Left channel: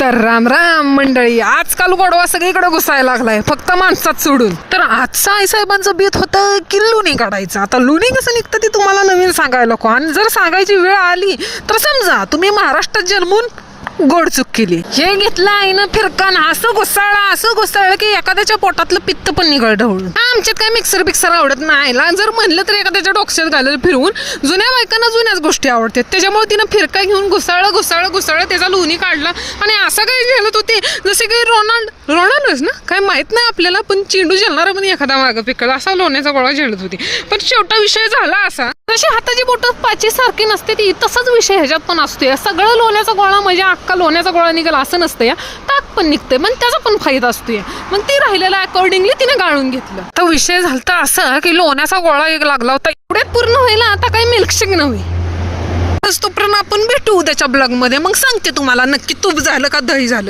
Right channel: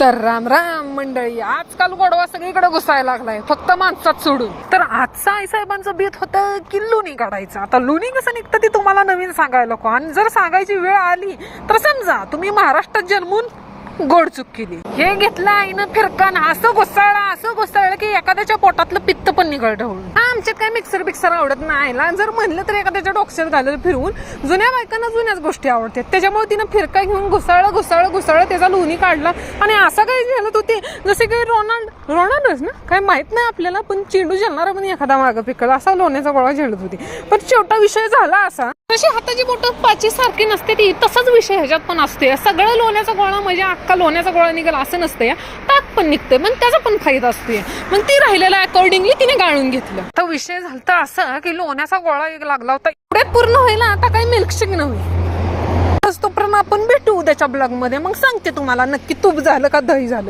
तर राम राम मंडळी, आजकाल गोडवा सगळीकडे घुसायला लागलाय, फक्त माणसात सोडून. तर आजचा आईसाहेबांचं बेत होतं की लोणी काढायचं. आता लोणी कसं निघतं ते तुम्हाला नवीन सांगायला नको, आणि जर सांगायची वेळ आली तर समजा तुम्ही महाराष्ट्रात जन्मून गोड चूक केली. हे घेतलं आईनं फिरकन, असं घुसाळलं की एखाद्याच्या पोटातलं पित्त पण निघळ ढवळून. आमच्यात काय मिक्सर बिक्सर आवडत नाही. जर म्हणलं तर एखाद्याच्या डोक्यात घाललं फिरवून. जुन्या बायकांना जुन्याच गोष्टी आवडतात, त्याच्यामुळे तिनं फिरका घेऊन घुसाळलं त्याचा लोणी काढला. आणि असं काही झेलत होती जसे की रोनाल्डोच ना, काय माहित नाही आपल्याला, पण चेंडू झेलणारा पण एखादा मागं पिकल असा लोण्याचा गोळा झेलत होती. पण शेवटा विषय झाला असा, जशी हाताची बोटं पाची सारखी नसते ती, तसाच विषय ह्याच्यात पण असतोय. सगळं लोण्याचा गोळा म्हणजे अख्खा लोण्याचा गोळा निघाला असं नसतं या, त्यात पण निघते, पण त्याचा पण फायदा असतोय. मग ती राहिलेला अकॉर्डिंगली तिने गाळून घेतलं. तर विषय झालता असं की लोण्याचा गोळा एक लागला होता, एवढ्यात पूर्ण व्हायला आता काही मिल्कशेक नव्हे. तोपर्यंत आपण भेटू उद्याच्या ब्लॉग मध्ये, मग सांगते तुम्हाला नक्की तूप झालं का दही झालं.